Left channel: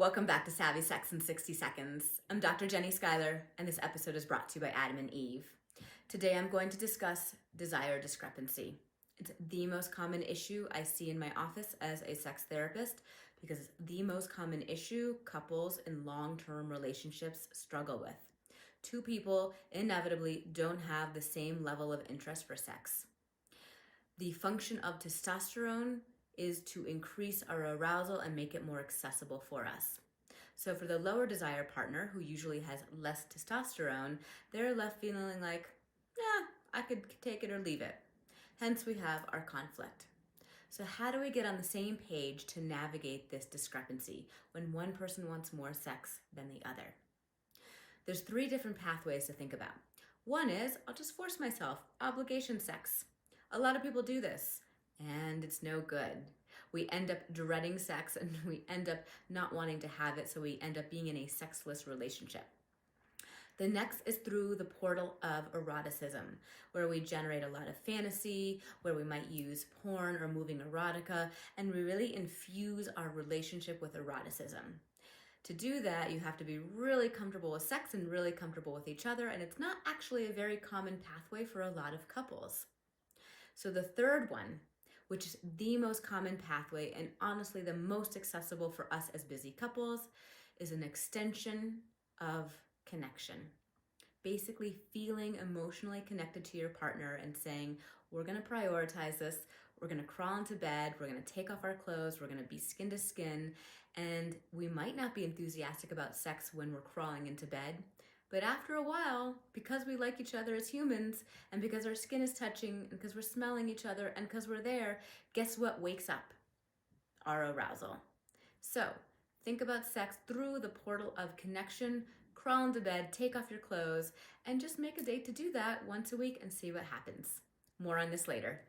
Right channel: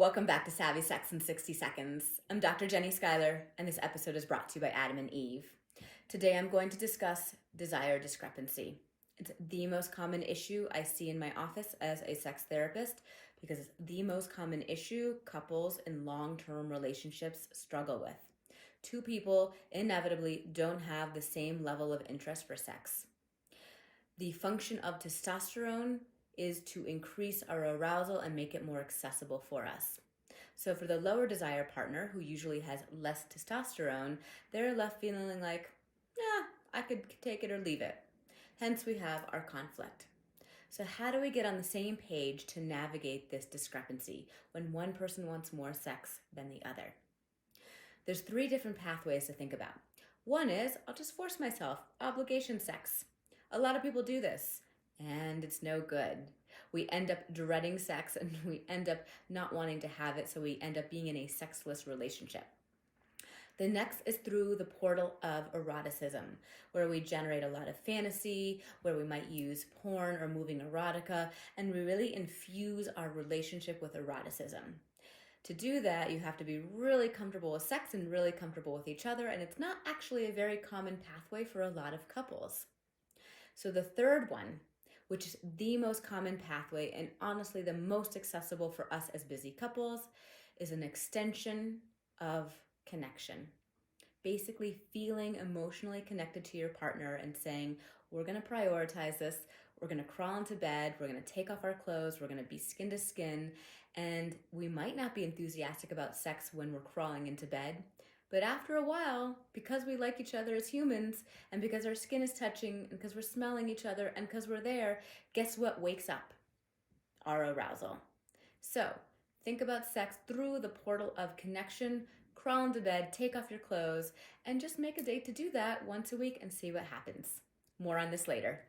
Welcome back to Savvy Sex in 60 Seconds. I'm Dr. Jenni Schuyler, and this episode is brought to you by Adam and Eve. Today I'm going to discuss desire discrepancy. It's the most common issue I see in my office as a sex therapist because it's the most common issue couples in long-term relationships struggle with. Two people inevitably don't have the same level of interest for sex. The function of testosterone is to increase our arousal and make it more accessible for us. So for the lower desire partner, who usually has less testosterone, they're left feeling like, I could take it or leave it. Hence we have our conflict. So how do we get on the same page to navigate this discrepancy when one person wants more sex than the other? There's 3 different pathways to think about. One is, I'll just force myself, obligation sex. A lot of people do this, and it's no good. We end up dreading sex and we end up not wanting to have it, so we end up being in a sexless relationship. The next is through the portal of eroticism, where we generate a lot of fantasy, where we might use porn or moving erotica, and we really infuse our relationship with eroticism. To do that, you have to be really comfortable with sex and really comfortable with each other, and it's not actually a very common pathway for a lot of couples. So the third one, which is the most common pathway and honestly the most accessible for us as busy couples, is an extension of connection. Basically feeling emotionally connected to your partner and saying, we're going to prioritize this, we're going to crawl into bed, we're going to take off our clothes, we're going to be skin to skin, and we might not be enthusiastic about sex when we're crawling into bed, but after a while, because we like each other as humans, and because our skin is touching, and because we're smelling each other, and because we're there, guess what wakes up? Our arousal. So, think about sex through the portal of connection, crawl into bed, take off your clothes, and just make a date to do that once a week and see what happens. More on this later.